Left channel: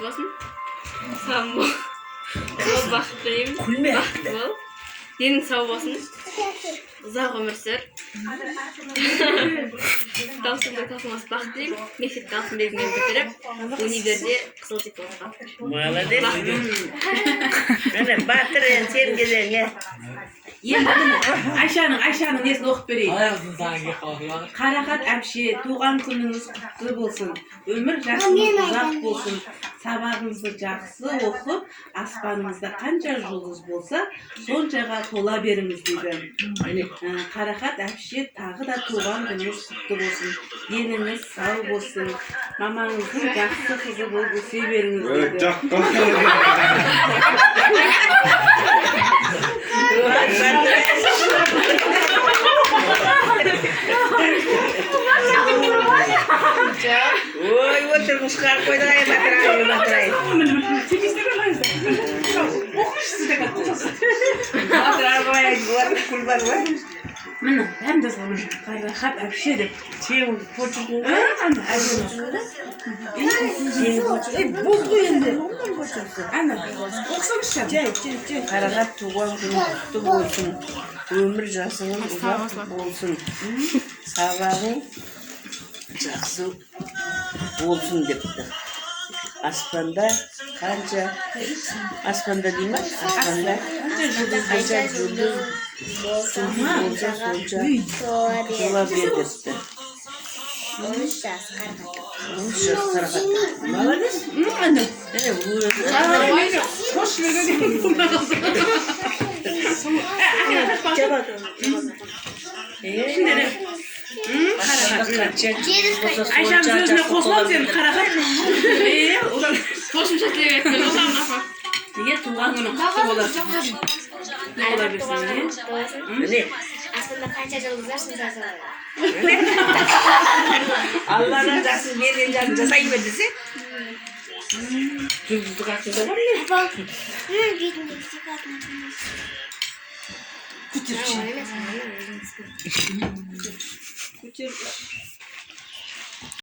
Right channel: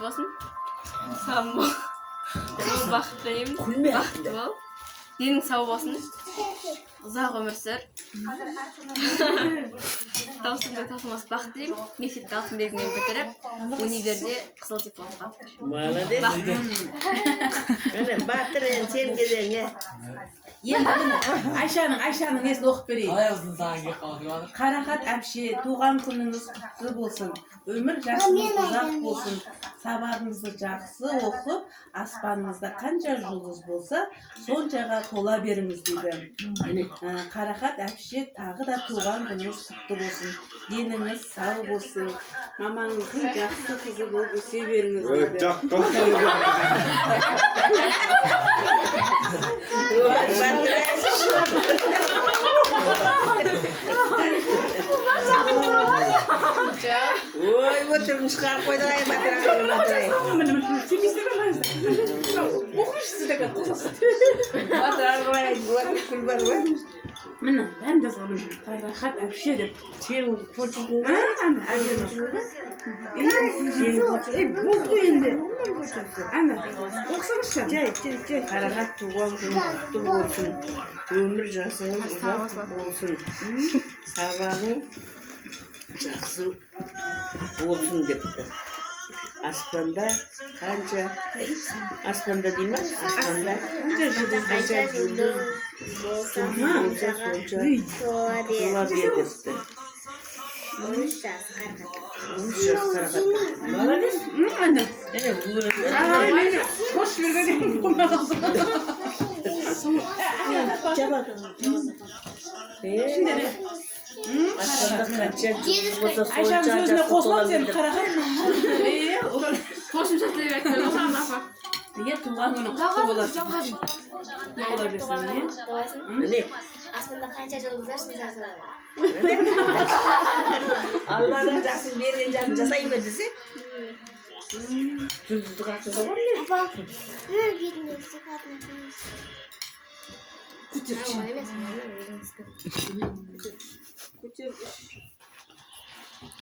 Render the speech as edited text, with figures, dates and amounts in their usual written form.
құтты болсын. Сау бол. Бол бақытты болайын. Бақытты бол. Денің сау болсын. Ұзақ өмір сүр. Даусыңды тасымас бақыт деймін. Мектепте алтын белгімен бітіріп, универде қызыл дипломға. Молодец. Міне батыр сен келеңе. Енді Айшаның несін оқып берейін. Қарақат әпше, туған күніңіз құтты болсын. Өмір жасыңыз ұзақ болсын. Сабағыңызды жақсы оқып, аспаныңызда қанша жұлдыз болса, соншаға тола беріңіз дейді. Қарақат әпше, тағы да туған күніңіз құтты болсын. Деніңіз сау болсын. Мамаңыздың жақсы қызы болып өсе беріңіз дейді. Ой, отырыңыз шығарып қойдырайын, батырайын. Міне, бәрін жазғанмын. Қарақат әпше деп. Сен почеркің Ана, әбден болды енді. Ана, оқысаңызшы. Қарағат туған күн құтты болсын. Өмір жасыңыз ұзақ болсын. Сабағың жақсы болсын депті. Аспанда қанша аспанда дей ма? Аспанда жұлдыз болса жұлдыз болса сонша тола бер депті. 13 жас Қарағат. Ана. Міне өзі. Қош Айшаның сөзіне қосылам сен қарақат. Қосымша тілек айттың, Озан апа. Неге туған күні құтты боласың? Бола берсін, Міне Aslında kanca жұлдыздар сынсасын. Алланың жақсы берген жағын жасай ма десе? Жұлдызды қақсыда бар ма? Апа, бетіндегі стикатын Көтер.